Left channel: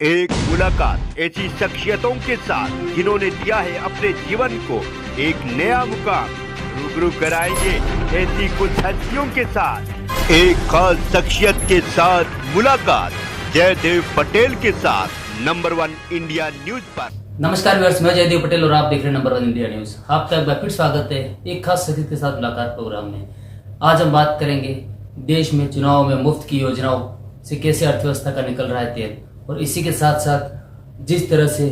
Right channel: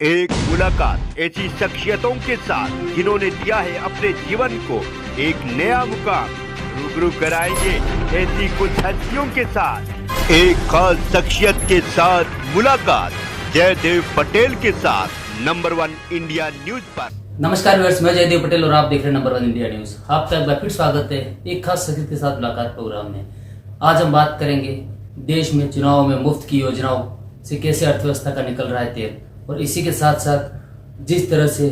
एक मुलाकात ऐसी शख्सियतों के साथ जिन्होंने दिया है अपने जीवन को एक नया मुकाम। रूबरू कराएंगे ऐसी कुछ हस्तियों के साथ एक खास शख्सियत के साथ मुलाकात जयदेव पटेल के साथ नंबर 1 इंडिया न्यूज पर। नमस्कार व्यूअर्स, मैं जयदेव पटेल और आप देख रहे हैं नंबर 1 इंडिया न्यूज। आपका एक बार फिर स्वागत है एक खास शख्सियत के साथ मुलाकात प्रोग्राम में। आज हम बात करेंगे देश में चुनाव में मुफ्त की योजनाओं से कैसे अर्थव्यवस्था का निकल रहा है तेल, और इसी के साथ साथ जिस तरह से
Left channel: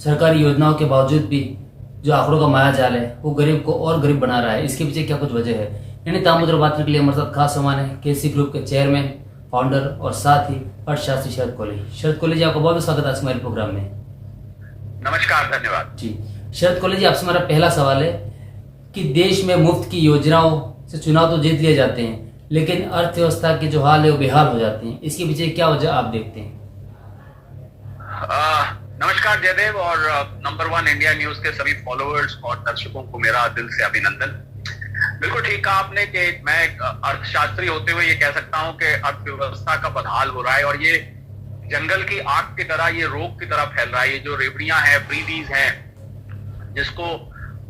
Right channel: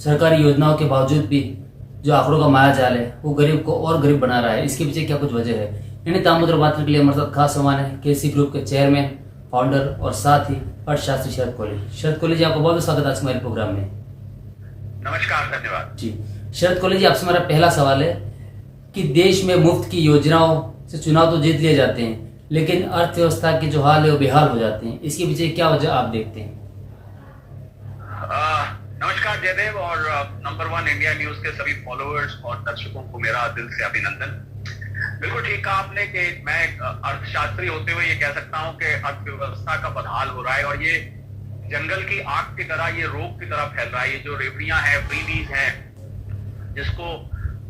सरकारी योजनाओं के बावजूद भी जो आंकड़ों का माया जाल है वो गरीब को और गरीब बना रहा है, इसके पीछे क्या कुछ वजह है। इन्हें तामुद्र बात करने के लिए हमारे साथ खास मेहमान है केसी ग्रुप के चेयरमैन, फाउंडर और साथ ही अर्थशास्त्री शरद कोहली। शरद कोहली जी, आपका बहुत बहुत स्वागत है आज हमारे प्रोग्राम में। नमस्कार, धन्यवाद जी शरद कोहली जी, आपसे हमारा पहला सवाल है कि देश में मुफ्त की योजनाओं से चुनाव तो जीत लिए जाते हैं, लेकिन अर्थव्यवस्था के जो हाल है वो बेहाल हो जाते हैं, इसके पीछे क्या वजह आप देखते हैं? नमस्कार जयदेव और नंबर 1 इंडिया न्यूज के सभी फॉलोअर्स और दर्शकों को मेरा दिल से अभिनंदन। बिल्कुल ठीक कहा आपने कि मैं एक अर्थशास्त्री होते हुए ये कह सकता हूं कि अर्थव्यवस्था का बदहाल हो रहा है और ये जंगल की आग की तरह, ये रोग की तरह फैल रहा है। ये जो रेवड़ियां हैं, फ्रीबीज हैं, जिसको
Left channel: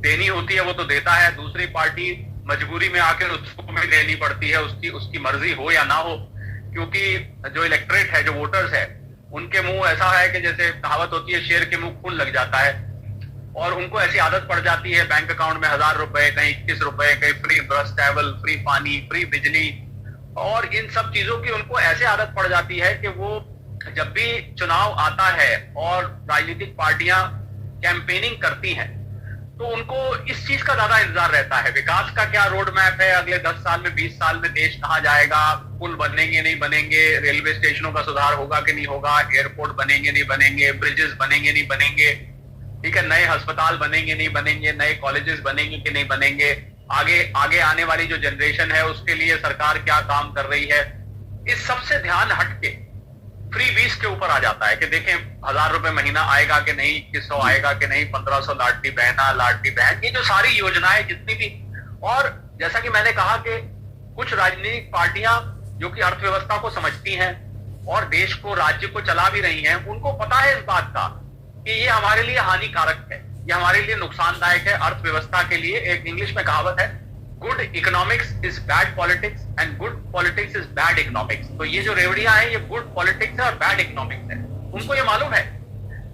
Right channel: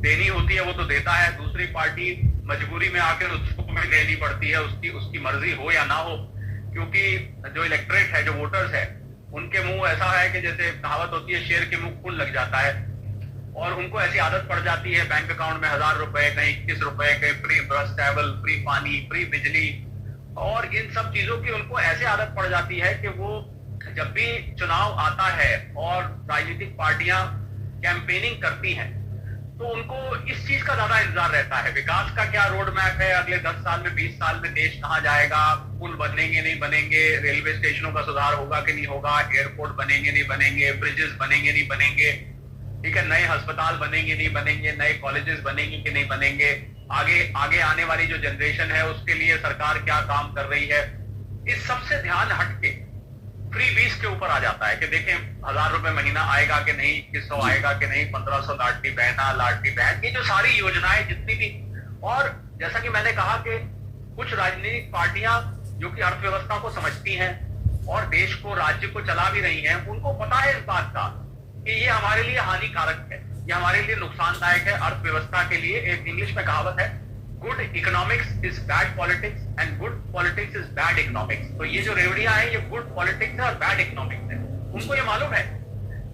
देनी होती है वो तो देता है, दूसरी पार्टी मजबूरी में आकर उसको भी देनी पड़ती है, उसकी मर्जी हो या ना हो, क्योंकि जो इलेक्ट्रेट है, जो वोटर्स है, उनके मुंह ऐसा है कि जैसे कहावत होती है शेर के मुंह खून लग जाता है, और उनको ऐसी आदत पड़ जाती है बैंक अकाउंट में 1000 रुपए, कहीं 21 रुपए, कहीं फ्री बस ट्रैवल, फ्री पानी, फ्री बिजली, और इन सब चीजों की उनको ऐसे आदत पड़ जाती है कि वो जब भी चुनाव आता है और राजनीतिक पार्टियां कैंपेनिंग करती हैं तो उनको इस चीज का ज्यादा इंतजार रहता है। विकास का क्या रोड मैप है, अगले 10 साल में, 20 साल में देश कहां जाएगा, पुल बनेंगे नहीं बनेंगे, रेलवे स्टेशनों का सुधार होगा कि नहीं होगा, एयरपोर्ट बनेंगे नहीं बनेंगे, ब्रिजेस बनेंगे नहीं बनेंगे, ठीक है, नए अस्पताल बनेंगे नहीं बनेंगे, नए कॉलेजेस बनेंगे कि नहीं बनेंगे, आगे आने वाली जो जनरेशन है उसके लिए सरकार क्या काम कर रही है। इस सबसे ध्यान हटके फ्री बीस के ऊपर आ जाता है कि देखें 1000 रुपए महीना आएगा कि नहीं, 2100 आएगा कि नहीं, 1500 लाडली बहन, ये जो सारी योजनाएं जितनी भी। और जैसा कि मैंने कहा कि कुछ राजनीतिक पार्टियां जो कि अर्थव्यवस्था को समझती हैं और देश को, राज्य को चला भी रही हैं, उनको पता है इस बात का कि ये हमारे लिए हानिकारक है, ये हमारे लिए नुकसानदायक है अर्थव्यवस्था के लिए। एक इंग्लिश में कहावत है, good economics is bad politics and good politics is bad economics. तो ये जो रेवड़ियां हैं ये गुड पॉलिटिक्स है और बैड इकोनॉमिक्स है। उनको ये मालूम है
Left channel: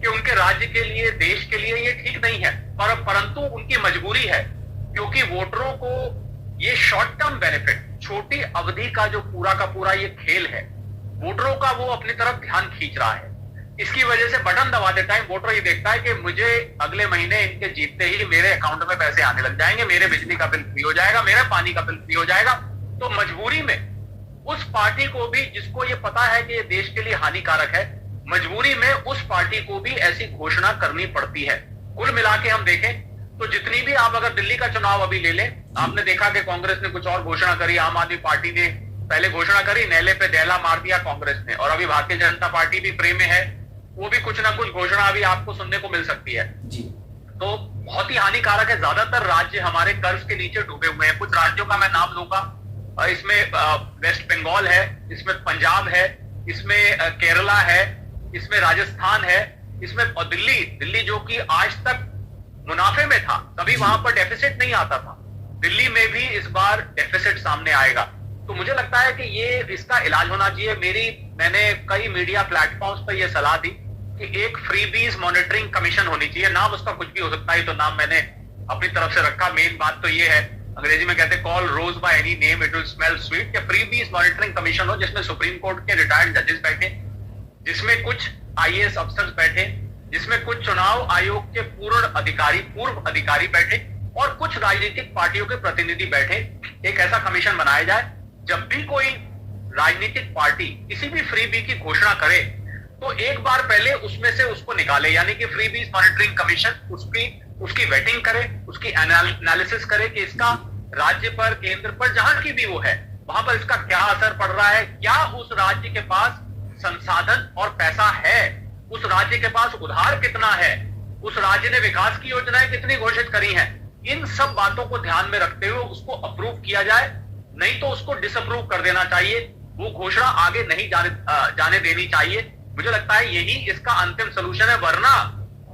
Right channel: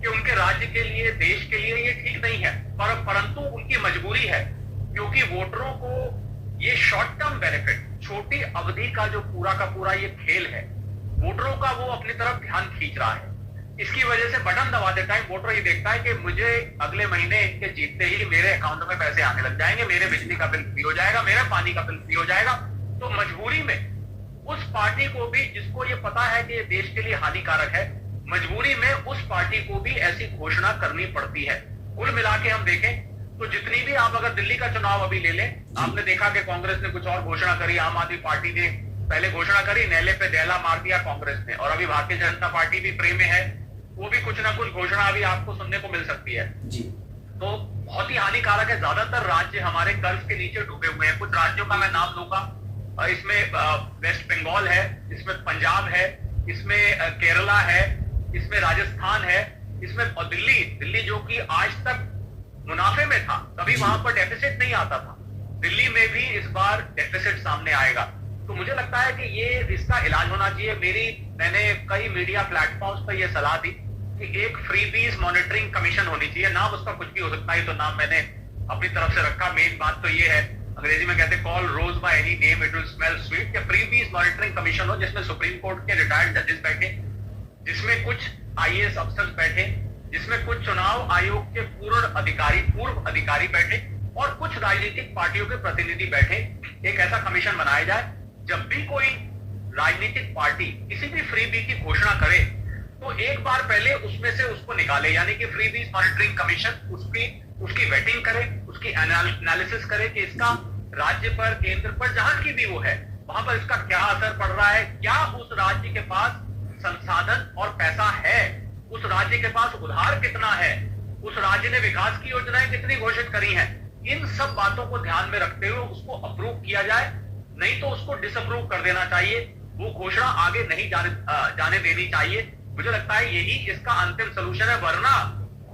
कि उनके राज्य के लिए, देश के लिए ये ठीक नहीं है, परंतु उनकी मजबूरी है, क्योंकि वोटरों को ये शॉर्ट टर्म बेनिफिट, छोटी अवधि का जो पूरा का पूरा ये खेल है, वोटरों का वो अपनी तरफ ध्यान खींच रहा है। इसकी वजह से बटन दबाते टाइम वोटर ये देखता है कि मुझे अगले महीने इनके जीतते ही मेरे अकाउंट में पैसे आने लग जाएंगे, मेरे बिजली का बिल फ्री हो जाएगा, मेरे पानी का बिल फ्री हो जाएगा। तो मजबूरी में उस पार्टी को भी, जिसको ये पता है कि ये देश के लिए हानिकारक है, मजबूरी में उस पार्टी को भी ऐसी घोषणा करनी पड़ती है। कुल मिला के हम देखें तो जितनी भी, आप अगर दिल्ली का चुनाव अभी ले लें, आपने देखा कि कांग्रेस ने कुछ और घोषणा करी, आम आदमी पार्टी ने पहले घोषणा करी, नेले पे डेला मार दिया कांग्रेस ने, और अभी भारतीय जनता पार्टी भी फ्रेम में है, वो भी कुछ ना कुछ घोषणा अभी आपको सुनने को मिल सकती है जी। तो बहुत ही हानिकारक है। ज्यादातर राज्य हमारे कर्ज के नीचे डूबे हुए हैं। कुछ राज्यों का मैं नाम लूंगा, इसमें वेस्ट बंगाल है, इसमें पंजाब है, इसमें केरला है, इसमें राजस्थान है, इसमें दिल्ली जो कि आज तक मुनाफे में था, कभी वहां पर डेफिसिट नहीं आता था, दिल्ली में भी इस बार डेफिसिट सामने आएगा। तो मुझे लगता है कि ये, इसका इलाज होना चाहिए। मैंने कई मीडिया प्लेटफॉर्म्स पर यह सलाह दी कि एक फ्रीबीज मॉनिटरिंग कमीशन होनी चाहिए। नाम उसका कुछ भी हो सकता है, तो नाम मैंने अपनी तरफ से रखा। मेन बात तो ये है, अंग्रेजी में कहते हैं call rose by any name it will smell sweet, कि फ्रीबीज मॉनिटरिंग कमीशन हो जिसमें सुप्रीम कोर्ट के रिटायर्ड जजेस बैठे, जिसमें कुछ आईएएस अफसर बैठे, जिसमें कुछ चुनाव आयोग के पूर्व अधिकारी बैठे, और कुछ राजनीतिक पार्टियों के प्रतिनिधि बैठे। एक ऐसा कमीशन बनाया जाए, जब भी कोई राजनीतिक पार्टी किसी भी फ्रीबी की घोषणा करे तो एक बार पहले उसमें से उसको निकाले, यानी कि फ्रीबीज मॉनिटरिंग कमीशन उसकी वेटिंग करे, उसकी एनालिसिस करे कि इसका राज्य पर, केंद्र पर, जहां की भी वो है, वहां पर इसका क्या असर पड़ रहा है, क्या उस राज्य के पास संसाधन और पैसा है, उस राज्य के पास उधार कितना है, उस राज्य ने विकास की योजनाएं कितनी घोषित करी हैं। इन सब बातों को ध्यान में रखते हुए उसको अप्रूव किया जाए, नहीं तो उसको डिसअप्रूव कर देना चाहिए। वो घोषणा आगे नहीं जाने देनी चाहिए। मुझे लगता है यही इसका अंतिम सोल्यूशन है, वरना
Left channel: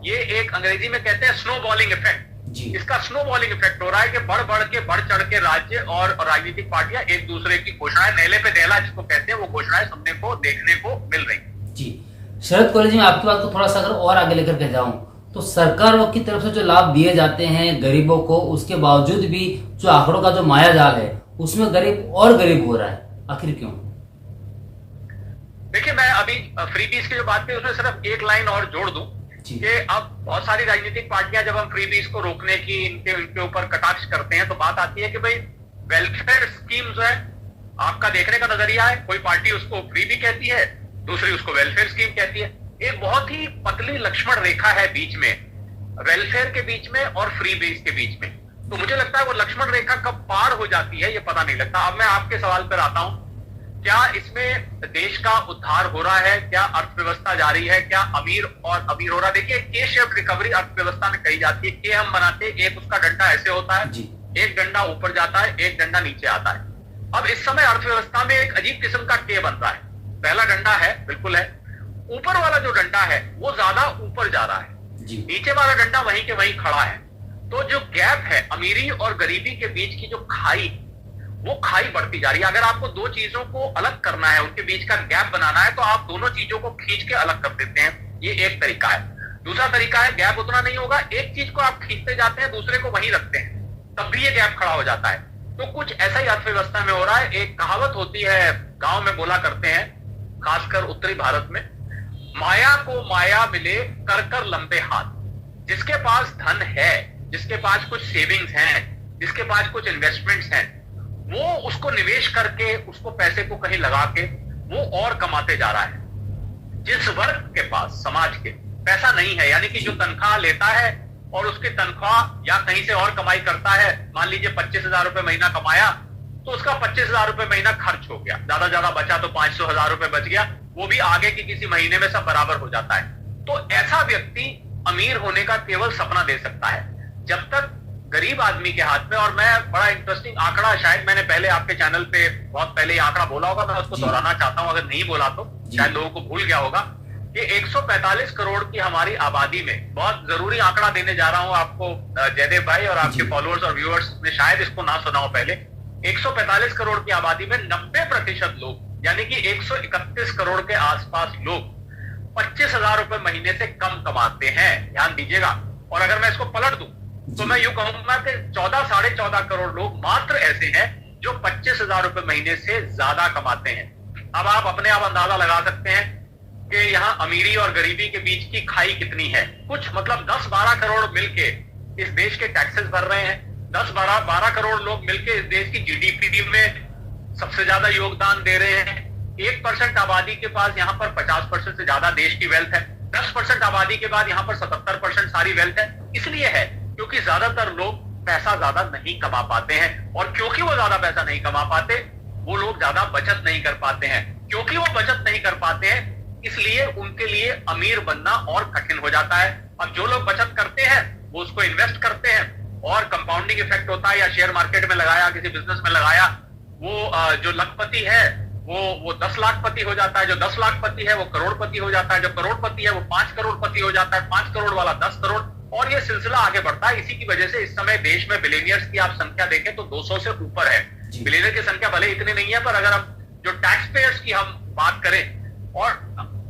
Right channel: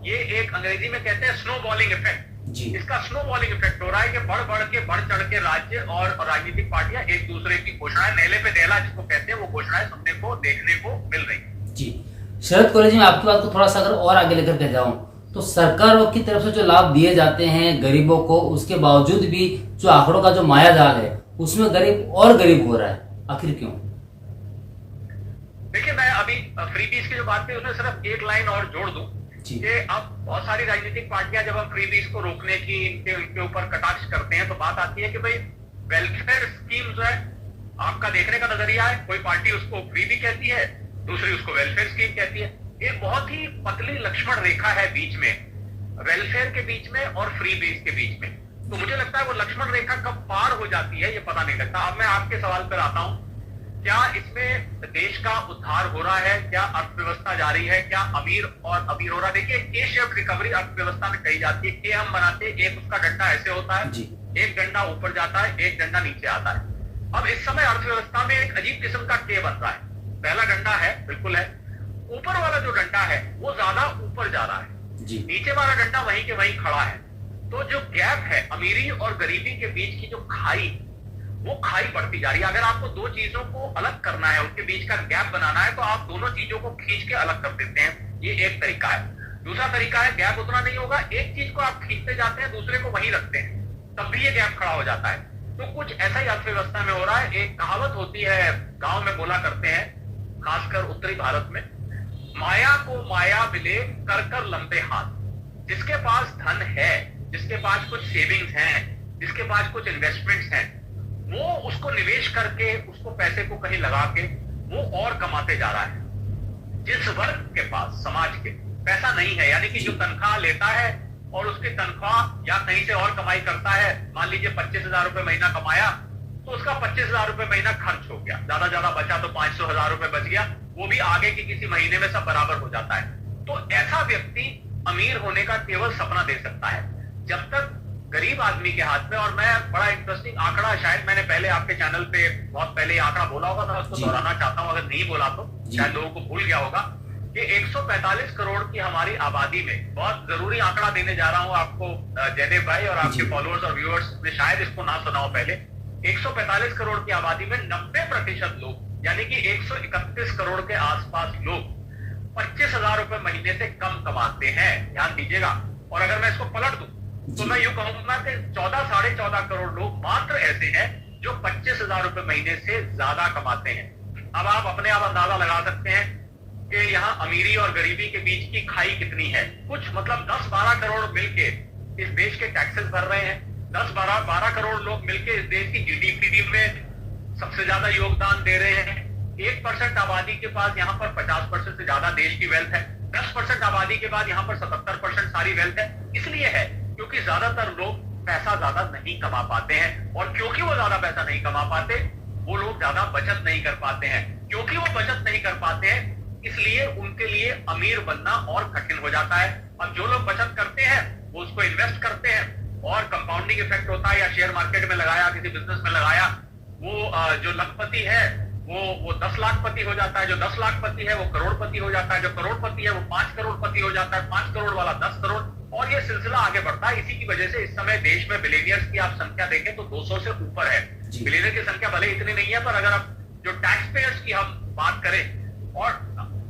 ये एक अंग्रेजी में कहते हैं स्नो बॉलिंग इफेक्ट, इसका स्नो बॉलिंग इफेक्ट हो रहा है कि बढ़ चढ़ के राज्य और राजनीतिक पार्टियां एक दूसरे की घोषणाएं, नेले पे नेला जिसको कहते हैं, वो घोषणाएं सुनने को देखने को मिल रही। जी शरद कॉलेज में आपकी बात को थोड़ा सा अगर और आगे लेकर के जाऊं तो सरकारों की तरफ से जो लाभ दिए जाते हैं गरीबों को, उसके बावजूद भी जो आंकड़ों का जो माया जाल है उसमें गरीब और गरीब हो रहा है, आखिर क्यों? देखिए, मैं अभी फ्रीबीज की जो बात की उसमें सिर्फ एक लाइन और जोड़ दूं कि अब बहुत सारी राजनीतिक पार्टियां जब हम फ्रीबीज को रोकने की इनके ऊपर कटाक्ष करते हैं तो बात आती है कि भाई वेलफेयर स्कीम जो है आपका देखने का नजरिया है, कोई पार्टी उसको फ्रीबी कहती है, दूसरी उसको वेलफेयर स्कीम कहती है। एक बहुत ही पतली लक्ष्मण रेखा है बीच में, वेलफेयर के बीच में और फ्रीबीज के बीच में। तो मुझे लगता है वो लक्ष्मण रेखा कब पार हो जाती है ये पता नहीं लगता। अब मैं आपके सवाल पर आता हूं, क्या इसमें देश का उद्धार हो रहा है, क्या अर्थव्यवस्था जारी है, क्या अमीर और अमीर हो रहा है? देखिए, के शेप रिकवरी अर्थव्यवस्था में कही जाती है। के हम बनाते, एक उसका डंडा ऐसे होता है, एक डंडा ऊपर जाता है, एक डंडा नीचे आता है। अब इस समय अर्थव्यवस्था में एक अजीब किस्म का के बन रहा है। पहला डंडा है, बिल्कुल है, ऊपर वाला जो डंडा है वो ज्यादा ऊपर जा रहा है, नीचे वाला डंडा वहीं के वहीं खड़ा है। तो जो गैप है अमीरी और गरीबी के बीच की जो खाई, वो खाई बढ़ती जा रही है। अगर आपको दो चीजों को अलग करना है, उनके बीच का गैप बनाना है, तो आप दोनों चीजों को खींच के अलग कर देते हैं, ये एक तरीका है। दूसरा तरीका है, गैप उतना नहीं होगा, एक चीज को आप खींचते जाते हैं, दूसरे को वहीं रखते हैं, तब भी ये गैप खड़ा हो जाता है। तो कुछ ऐसा ही अर्थव्यवस्था में हो रहा है। एक कहावत होती है, गांव में बोला करते हैं, खासकर उत्तरी भारत में, माया को माया मिले कर कर लंबे हाथ। जिसके पास धन है, जिसके पास कुछ सेविंग्स हैं, जिसके पास कुछ इन्वेस्टमेंट्स हैं, वो उसको निवेश करके, उसको पैसे को कहीं लगा के वो और कमाते जा रहा है। जिस वर्ग के पास समाज के पैसा नहीं है, यानी कि जो तनख्वाह लेता है और उसकी तनख्वाह या कहीं से और कमाई करता है, मान लीजिए 25,000 रुपए महीना कमाया तो उसका 25,000 रुपए महीना खर्च हो गया, ज्यादा बचा तो 500,000 रुपए बच गया, वो भी आगे के किसी महीने में सब बराबर हो जाता है। तो ऐसा व्यक्ति अमीर होने का केवल सपना दे सकता है। जब तक गरीब आदमी के हाथ में, और मैं बड़ा इंटरेस्टिंग आंकड़ा, शायद मैंने पहले आपके चैनल पे बहुत पहले ये आंकड़ा बोला होगा, मैं उसको दोहराना चाहता हूं, अगर नहीं बोला तो शायद लोगों को भूल गया होगा कि 145 करोड़ की हमारी आबादी में, बहुत जरूरी आंकड़ा देने जा रहा हूं आपको जयदेव भाई और आपके फॉलोअर्स और व्यूअर्स ने शायद इसको ना सुना हो पहले। 145 करोड़ की आबादी में 90% लोग, यानी कि 131 करोड़ के आसपास लोग 25,000 रुपए महीने से कम कमाते हैं, ध्यान दीजिएगा। और अगर मैं इसको पलट दूं तो मैं यूं कहूंगा कि 14-14.5 करोड़ लोग मात्र ऐसे हैं जो 25,000 रुपए महीने से ज्यादा कमाते हैं। अब आप अपने आप अंदाजा लगा सकते हैं कि यहाँ अमीरी और गरीबी के बीच की खाई कितनी है। कुछ मतलब 10-12 करोड़ मिलके इस देश के टैक्सेस भर रहे हैं, 10-12 करोड़ लोग मिलके इस देश की जीडीपी में सबसे ज्यादा योगदान दे रहे हैं। 1% आबादी के पास यहाँ पर 50% से ज्यादा देश की वेल्थ है, 10% आबादी के बाद यहाँ पर 77% सारी वेल्थ है। इसलिए है क्योंकि ज्यादातर लोग पैसा ज्यादा नहीं कमा पाते हैं, और क्योंकि वो ज्यादा पैसा नहीं कमा पाते, वो लोग ज्यादा बचत नहीं कर पाते हैं। क्योंकि वो बचत नहीं कर पाते हैं, इसलिए उनके लिए अमीर बनना और कठिन हो जाता है। अब जो लोग बचत करते हैं वो उसको इन्वेस्ट करते हैं और कंपाउंडिंग इफेक्ट होता है, या शेयर मार्केट में लगाया, किसी बिजनेस में लगाया, वो जो लखपति है वो 10 लाखपति हो जाता है, जो 10 लाखपति है वो करोड़पति हो जाता है, जो करोड़पति है वो 5 करोड़पति हो जाता है, 5 करोड़ वाला 10 करोड़, और ये सिलसिला आगे बढ़ता है। इसी की वजह से इस समय देश में बिलियनियर्स की आप संख्या देखें तो 200 से ऊपर है। बिलियनियर की संख्या भले इतनी नहीं है, पर अगर आप जो टैक्स पेयर्स की हम बात करें, और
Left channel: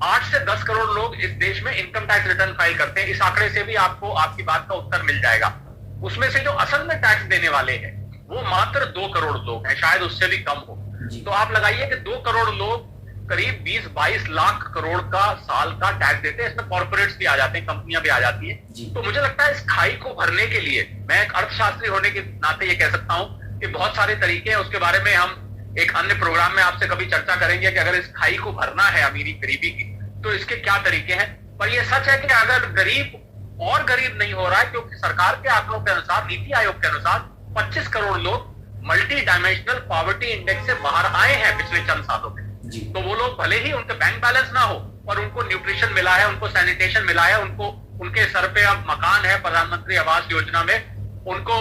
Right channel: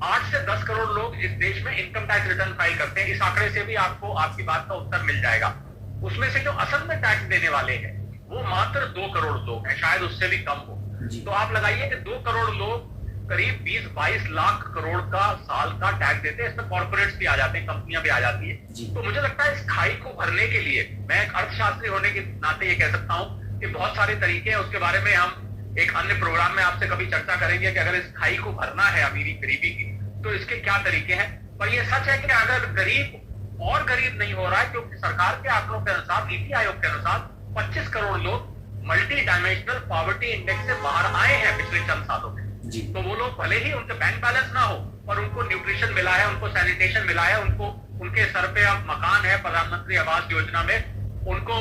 8 से 10 करोड़ लोग इस देश में इनकम टैक्स रिटर्न फाइल करते हैं। इस आंकड़े से भी आपको आपकी बात का उत्तर मिल जाएगा। उसमें से जो असल में टैक्स देने वाले हैं वो मात्र 2 करोड़ लोग हैं, शायद उससे भी कम हो। तो आप लगाइए कि 2 करोड़ लोग करीब 20-22 लाख करोड़ का साल का टैक्स देते हैं। इसमें कॉर्पोरेट्स भी आ जाते हैं, कंपनियां भी आ जाती है। तो मुझे लगता है इस खाई को भरने के लिए, मैं एक अर्थशास्त्री होने के नाते ये कह सकता हूं कि बहुत सारे तरीके हैं। उसके बारे में हम एक अन्य प्रोग्राम में आपसे कभी चर्चा करेंगे कि अगर इस खाई को भरना है अमीरी गरीबी की, तो इसके क्या तरीके हैं। पर यह सच है कि अगर गरीब और गरीब नहीं हो रहा है, क्योंकि सरकार के आंकड़ों के अनुसार, नीति आयोग के अनुसार 25 करोड़ लोग मल्टी डायमेंशनल पॉवर्टी इंडेक्स से बाहर आए हैं पिछले चंद सालों में। तो वो लोग भले ही उनके बैंक बैलेंस ना हो, पर उनको न्यूट्रिशन मिला है, उनको सैनिटेशन मिला है, उनको उनके सर पे अब मकान है प्रधानमंत्री आवास योजना में, उनको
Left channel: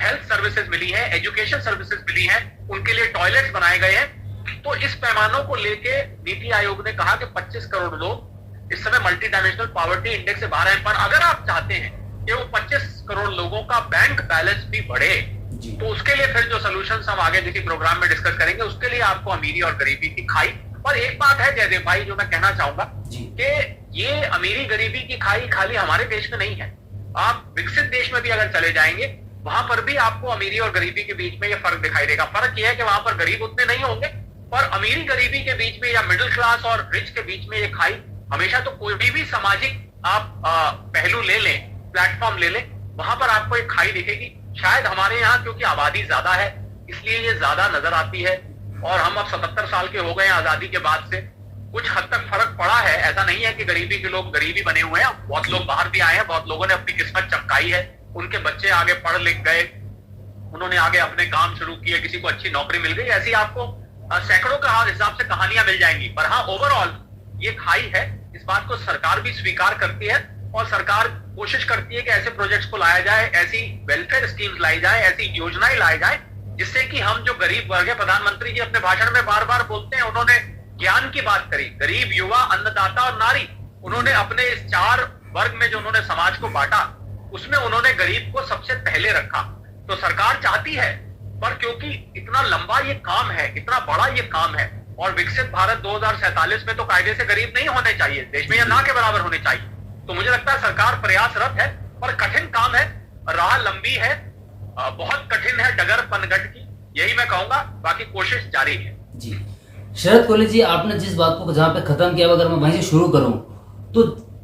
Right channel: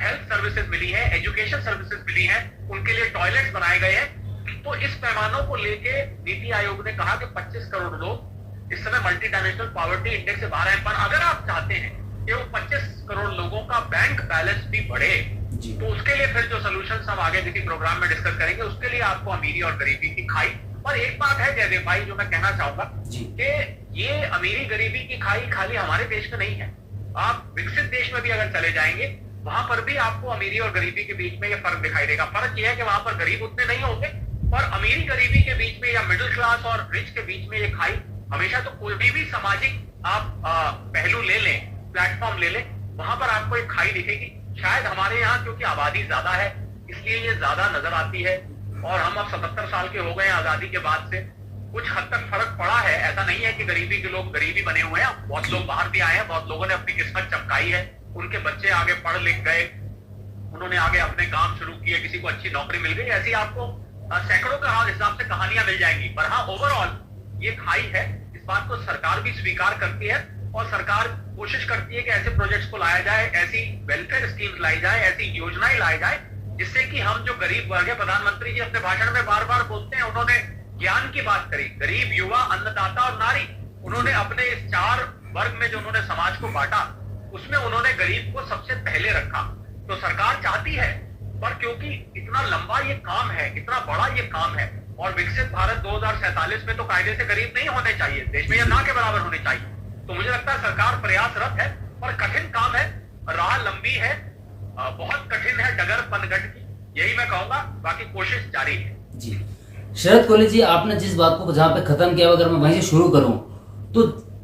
हेल्थ सर्विसेज मिली है, एजुकेशन सर्विसेज मिली है, उनके लिए टॉयलेट्स बनाए गए हैं। तो इस पैमानों को लेके नीति आयोग ने कहा कि 25 करोड़ लोग इस समय मल्टी डायमेंशनल पॉवर्टी इंडेक्स से बाहर हैं। पर अगर आप चाहते हैं कि वो 25 करोड़ लोगों का बैंक बैलेंस भी बढ़े, तो उसके लिए फिर जो सॉल्यूशंस हम आगे किसी प्रोग्राम में डिस्कस करेंगे, उसके लिए आपको अमीरी और गरीबी की खाई। पर एक बात है जयदेव भाई जो मैं कहना चाहूंगा कि ये अमीरी गरीबी की खाई खाली हमारे देश में नहीं है। आप विकसित देश में भी अगर चले जाएंगे, वहां पर भी आपको अमीरी और गरीबी के बीच में ये फर्क दिखाई देगा। फर्क यह है कि वहां पर गरीब उतने नहीं होंगे, पर अमीरी गरीबी के बीच में या मिडिल क्लास और रिच के बीच में ये खाई हमेशा, तो कोई भी सामाजिक आप पहलू ले लें, प्लेटफॉर्म ले लें, वहां पर आपको एक खाई दिखेगी। शायद हमारे यहाँ क्योंकि आबादी ज्यादा है इसलिए ये ज्यादा नजर आती है, और हम अब 77 साल के हो गए हैं आजादी के बाद से। कुछ हद तक फर्क पड़ा है, ऐसा नहीं है कि गरीबी के लोग गरीबी बने हुए हैं, बहुत लोग बाहर भी आए हैं, बहुत लोगों ने अपनी किस्मत चमकाई है, उनके बच्चे आगे पढ़ लिख गए, उन्होंने आगे अपने काम शुरू किए, किसी को अच्छी नौकरी मिल गई। ऐसी आपको सैकड़ों का हिसाब से कहानियां मिल जाएंगी। पर हाँ, ओवरऑल ये खाई है, इस बात को सरकार भी स्वीकार करती है, और सरकार कोशिश करती है कि ऐसे प्रोजेक्ट्स को लाया जाए, ऐसी वेलफेयर स्कीम्स लाई जाए, ऐसी योजनाएं लाई जाए जिससे कि हम जो गरीब वर्ग है, प्रधानमंत्री जी अपने भाषण में बार बार बोलते हैं, उन्होंने ज्ञान की बात करी, गरीब, युवा, अन्नदाता और नारी। उन्होंने अपने इस 4 वर्ग में जो उन्होंने समाज को बांटा, उसमें उन्होंने गरीब को सबसे पहले रखा। तो सरकार चाहती है, पर क्योंकि इतना लंबा ये काम है, इतना बड़ा ये काम है, और विकसित भारत 2047 में तो कायदे से गरीब नहीं होने चाहिए देश में, या ना के बराबर होने चाहिए। तो मुझे लगता है सरकार प्रयासरत है, पर कठिन काम है, राह लंबी है, बहुत कठिन है, डगर पनघट की, यही मैं कहूंगा। बाकी कोशिश जारी है। जी शरद कोहली जी, आपने जिस बात को जहां पे खत्म किया, अगर मैं वहीं से शुरू करूं, तो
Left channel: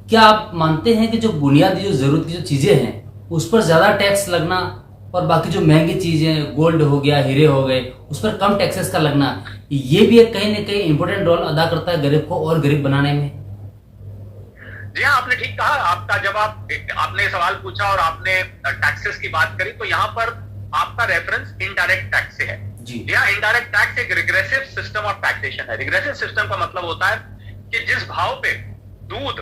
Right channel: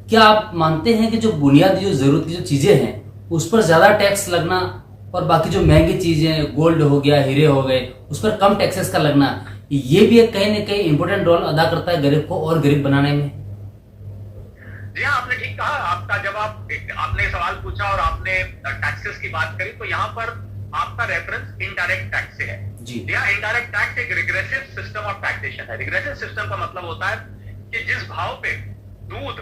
क्या आप मानते हैं कि जो बुनियादी जो जरूरत की जो चीजें हैं उस पर ज्यादा टैक्स लगना, और बाकी जो महंगी चीजें, गोल्ड हो गया, हीरे हो गए, उस पर कम टैक्सेस का लगना, ये भी एक कहीं ना कहीं इंपॉर्टेंट रोल अदा करता है गरीब को और गरीब बनाने में? जी हाँ, आपने ठीक कहा। आपका जब आपने सवाल पूछा और आपने टैक्सेस की बात करी, तो यहाँ पर आपका रेफरेंस इनडायरेक्ट टैक्स से है। जी यहाँ इनडायरेक्ट टैक्स एक रिग्रेसिव सिस्टम ऑफ टैक्सेशन है। रिग्रेसिव सिस्टम का मतलब होता है कि जिस भाव पे दूध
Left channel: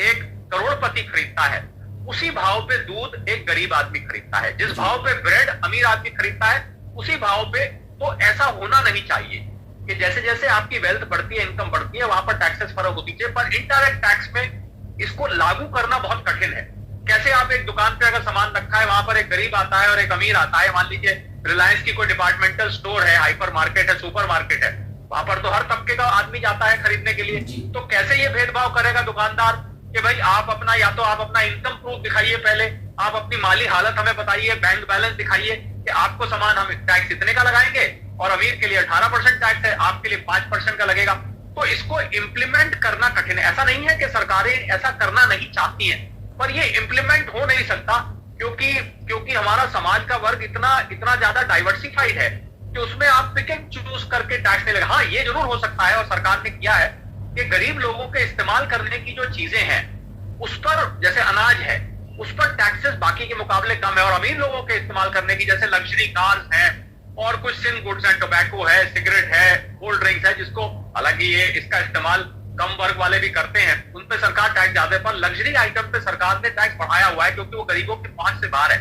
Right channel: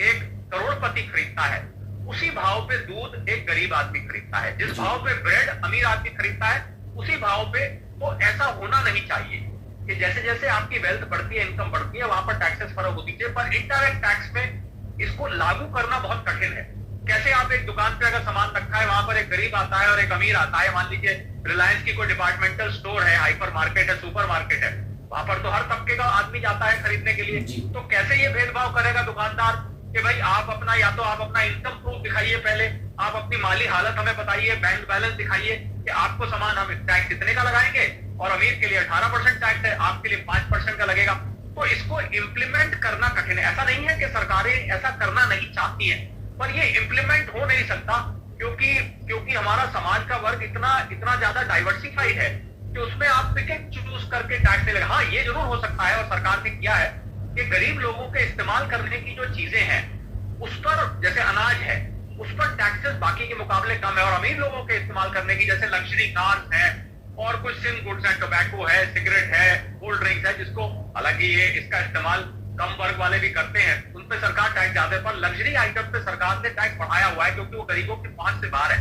एक करोड़पति खरीदता है, उसी भाव पे दूध एक गरीब आदमी खरीदता है। जिस भाव पे ब्रेड अमीर आदमी खरीदता है, उसी भाव पे, तो ऐसा होना नहीं चाहिए कि जैसे जैसे आपकी वेल्थ बढ़ती है, इनकम बढ़ती है, वहां पर टैक्सेस फर्क होती है। पर इनडायरेक्ट टैक्स में इसको लागू करना बहुत कठिन है। कैसे आप एक दुकान पे अगर सामान रखा है, वहां पर एक गरीब आता है और एक अमीर आता है, मान लीजिए रिलायंस की कोई डिपार्टमेंटल स्टोर है, हाइपर मार्केट है, सुपर मार्केट है, वहां पर तो हर तबके का आदमी जाता है खरीदने के लिए। तो कैसे ये भेदभाव करेगा दुकानदार कि भाई आप अपना, या तो आप अपना इनकम प्रूफ दिखाइए, पहले आप अपनी माली हालत हमें बताइए, बैंक बैलेंस दिखाइए कि आपको सामान हम टैक्स इतने का लगाएंगे, और अमीर के लिए 18% टैक्स है, आपके लिए 5% का लगेगा। तो इसको इम्प्लीमेंट करना कठिन है। ऐसा नहीं है कि सरकारें ऐसा करना नहीं चाहती हैं, पर ये इम्प्लीमेंट हो नहीं सकता, क्योंकि हमारा समाज का वर्ग इतना ज्यादा डाइवर्सिफाइड है कि उसमें आप पिक एंड चूज करके टैक्स नहीं लगा। हाँ, ये जरूर हो सकता है, और सरकार ने किया है कि गरीब लोगों के इस्तेमाल करने की जो चीजें हैं उस पर, जैसे अनाज है, उस पर टैक्सेस बाकी के मुकाबले कम है, और अमीर लोगों के इस्तेमाल करने की, जैसे लग्जरी कार्स हैं और कुछ सिन गुड्स हैं, टोबैको है, सिगरेट है, कोल्ड ड्रिंक्स है, जिसको हालांकि ये इसका इस्तेमाल कम वर्ग वाले भी करते हैं, उन पे सरकार टैक्स ज्यादा है। पर लग्जरी आइटम पे सरकार ने टैक्स बढ़ाया हुआ है क्योंकि वो गरीबों की पहुंच से बाहर है।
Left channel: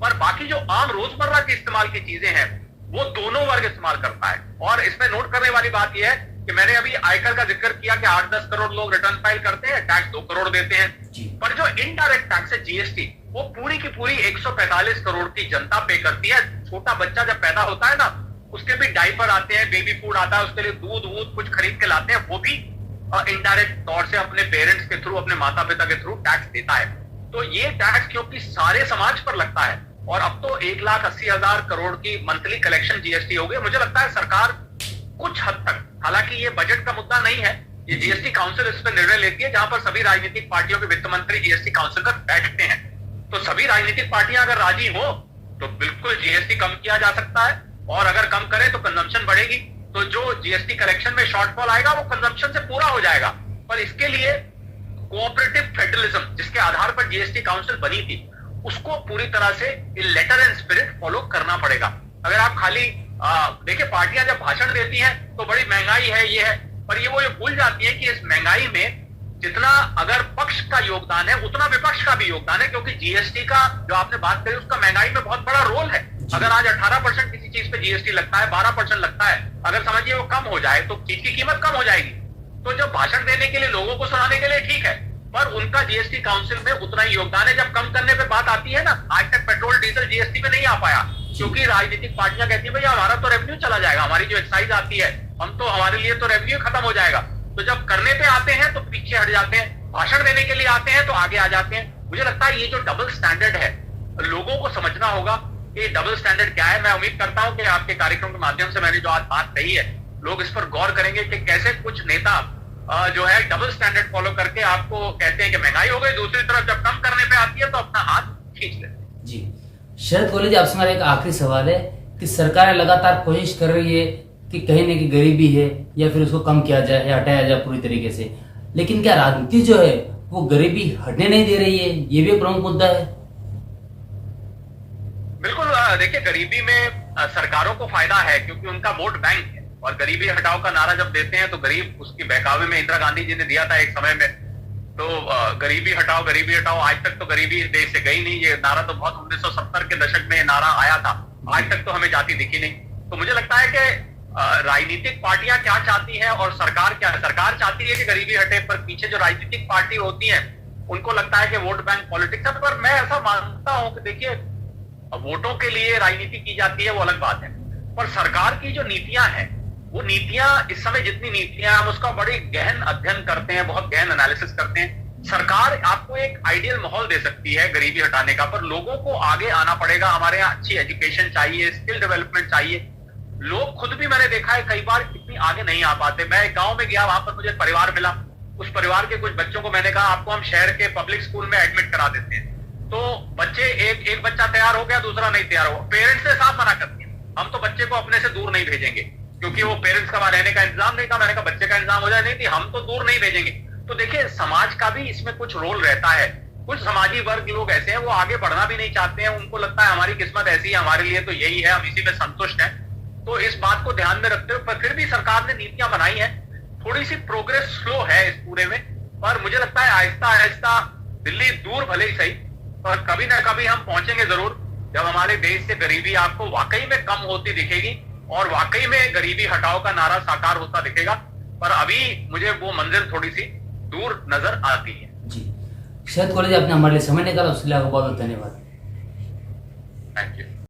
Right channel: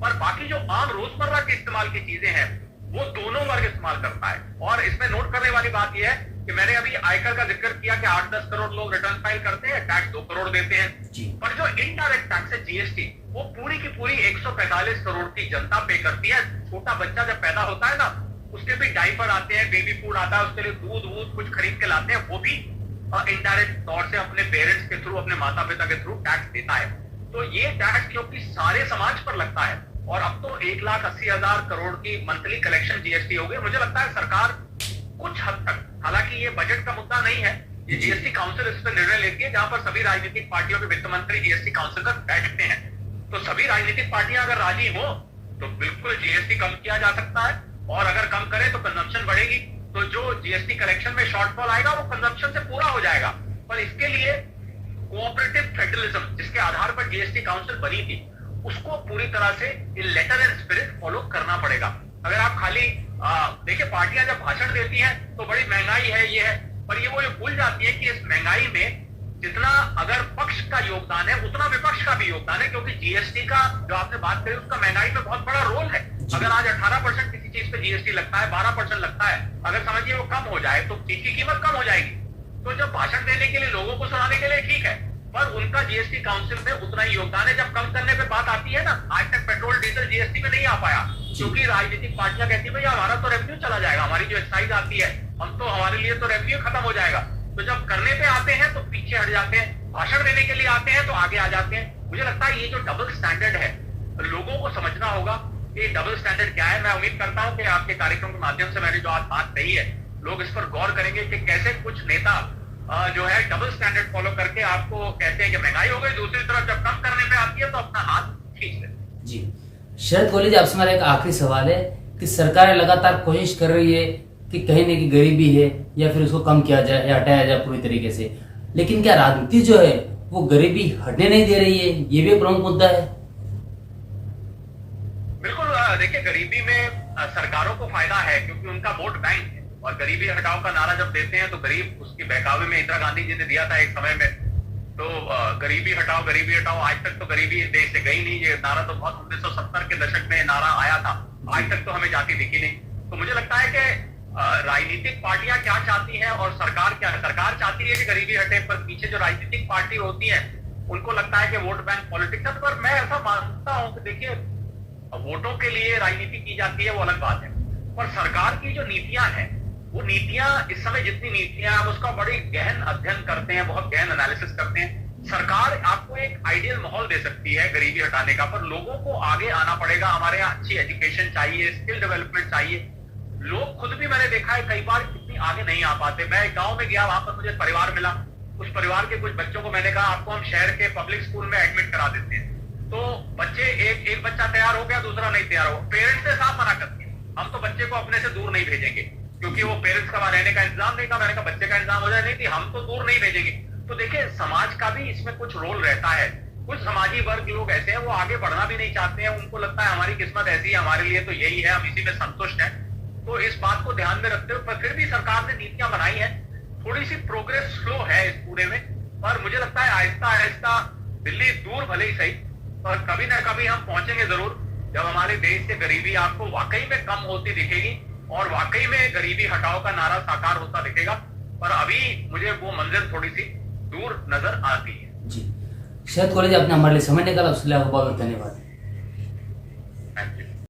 पर बाकी जो आम रोजमर्रा के इस्तेमाल की चीजें हैं वो दोनों वर्ग इस्तेमाल करता है। और इसमें नोट करने वाली बात यह है कि मैंने अभी आयकर का जिक्र किया कि 8-10 करोड़ लोग रिटर्न फाइल करते हैं, टैक्स 2 करोड़ देते हैं। पर जो इनडायरेक्ट टैक्स है, जीएसटी, वो पूरी की पूरी 145 करोड़ की जनता पे करती है। छोटा बच्चा जब पैदा होता है ना, उसके भी डाइपर आते हैं, बेबी फूड आता है, उसके लिए दूध वूध कुछ खरीद के लाते हैं, वो भी इनडायरेक्ट तौर से अपने पेरेंट्स के थ्रू, अपने माता पिता के थ्रू टैक्स देता है। तो ये टैक्स क्योंकि सारे समाज पर लगता है, और अब तो 1,80,000 करोड़ की मंथली कलेक्शन जीएसटी हो गई। मुझे लगता है सरकार कुछ हद तक, हालांकि ये बजट का मुद्दा नहीं है, ये जीएसटी काउंसिल इस पर निर्णय लेती है, जहां पर सभी राजनीतिक पार्टियों के वित्त मंत्री जीएसटी काउंसिल पर बैठते हैं। तो सभी राजनीतिक पार्टियां अगर राजी हो तो बिल्कुल जीएसटी कम किया जा सकता है, और अगर कम करें तो कंजम्पशन बढ़ेगी, तो जो जीएसटी कलेक्शन में शॉर्टफॉल आएगा वो कंजम्पशन से पूरा हो जाएगा। पर इसके लिए कोऑपरेटिव फेडरलिज्म, जिसके आधार पर जीएसटी काउंसिल बनी थी, उसको पूरी तरह से लेटर एंड स्पिरिट फॉलो करना पड़ेगा। अगर आप खाली देखिए, पार्टियां जब भाषण देती हैं तो बड़ी महंगाई है, ये है, पर ये वो ये भूल जाती है कि इस महंगाई में जितना अगर पक्ष का योगदान है उतना विपक्ष का भी योगदान है, क्योंकि जीएसटी का जो आपने बात करी उसका महंगाई में बहुत बड़ा रोल है। अगर आज 18% किसी चीज पे जीएसटी लगता है, 12% लगता है, अगर समझिए वो कम हो जाए तो चीज की कीमत कम हो जाएगी। तो जब भाषण देने के लिए, लोगों को सुनाने के लिए ठीक है, पर उनका जीएसटी काउंसिल में उतना ही योगदान है। जब कम करने पे बात आती है ना, आज तक पेट्रोल डीजल जीएसटी में नहीं आ पाया, क्योंकि राजनीतिक पार्टियां कहती है भैया हमारा तो रेवेन्यू चला जाएगा, हमारी जो एक्साइज आती है हम तो, हमारे लिए तो रेवेन्यू खत्म हो जाएगा। तो जब करने पे आते हैं तो पीछे हट जाते हैं, भाषण देने के लिए आते हैं तो आगे आ जाते हैं। मुझे लगता है ये जो डबल स्टैंडर्ड है, लोगों को समझना होगा कि डबल स्टैंडर्ड क्या है। मैं उम्मीद करता हूं कि आपके कार्यक्रम के माध्यम से मैंने जो आज बात कही है, लोग इस पर गौर करेंगे कि कैसे कुछ नेता जो है डबल स्टैंडर्ड फॉलो करके आपको कहते हैं कि महंगाई हो गई, दूसरी तरफ जब कम करने पे आती है तो अपना हाथ खींच ले। जी शरद कोहली जी, आपसे मेरा एक आखिरी सवाल है कि सरकार लगातार कोशिश कर रही है कि कहीं न कहीं गरीबी है या फिर उसको कम किया जाए या हटाया जाए पूरी तरीके से, लेकिन क्या राजनीति जो है वो गरीबी हटने नहीं दे रही है? ये भी प्रमुख मुद्दा है। बिल्कुल, देखिए गरीबी में सरकारों को फायदा है क्योंकि उनका वोट बैंक है, और गरीबी हटाओ का नारा जब देते हैं तो गरीब उसकी बहकावे में इंदिरा गांधी जी ने दिया था एक समय में, तो गरीबी हटाओ, आज तक तो गरीबी देश से गई नहीं। ये नारा तो बहुत 1970 के दशक में नारा आया था, आज तक तो हमें जाती दिखी नहीं। तो मुझे लगता है कि राजनीतिक पार्टियां क्या चाहती हैं और सरकार क्या, सरकार चाहती है कि गरीबी हटे, पर पीछे जो राजनीतिक पार्टी होती है उनको लगता है कि वोट बैंक पॉलिटिक्स है। पर मैं ऐसा मानता हूं कि देखिए वोटों के लिए राजनीति की जाती है वो अलग बात है, पर सरकार की जो नीतियां हैं, वो नीतियां इस समय जितनी नीतियां हम उसका बड़ी गहन अध्ययन करते हैं, बहुत गहन एनालिसिस करते हैं। सरकार आपको एक आइडियल माहौल दे सकती है गरीबी हटाने का, पर लोगों को आगे आना पड़ेगा। हमारे यहाँ अच्छी एजुकेशन चाहिए, स्किल डेवलपमेंट चाहिए। लोग खुद भी मैंने देखा है कई बार इतनी आगे नहीं आ पाते। मैं एक गांव में गया, वहां पर मुझे एक परिवार मिला, उस परिवार के कुछ बच्चों को मैंने कहा आपको हम शहर के पब्लिक स्कूल में एडमिट करा देते हैं। तो बच्चे, एक बच्चा तैयार हो गया, दूसरा नहीं तैयार हो। पेरेंट्स ने साफ मना कर दिया, हम तो बच्चे को अपने से दूर नहीं भेजेंगे, क्योंकि वो पेरेंट्स का वहां रहने का इंतजाम नहीं था। मैंने कहा बच्चे का इंतजाम हो जाए, नहीं थी हम तो दूर नहीं भेजेंगे। तो देखिए समाज का भी इसमें कुछ रोल रहता है। कुछ समाजी वर्ग लोग ऐसे हैं वो आगे बढ़ना भी नहीं चाहते हैं, उनको लगता है हमारी किस्मत ऐसी है, हमारे लिए तो यही है, हम इसी में संतुष्ट हैं। तो इस बात को ध्यान में रखते हुए, पर फिर भी सरकार ने नीतियां बनाई है, थोड़ी सी प्रोग्रेस स्लो है इस पूरे में, पर मुझे लगता है आहिस्ता आहिस्ता दिल्ली दूर भले ही सही, पर कभी ना कभी हम पहुंचेंगे जरूर, जब हमारे देश से गरीबी आपको वाकई में कम होती दिखेगी और वाकई में गरीबी हटाओ का नारा साकार होता दिखेगा। पर अभी मुझे वो मंजिल थोड़ी सी दूर नजर आती है। जी शरद कोहली जी, आपने हमारे लिए समय निकाला, उसके लिए आपको बहुत बहुत धन्यवाद।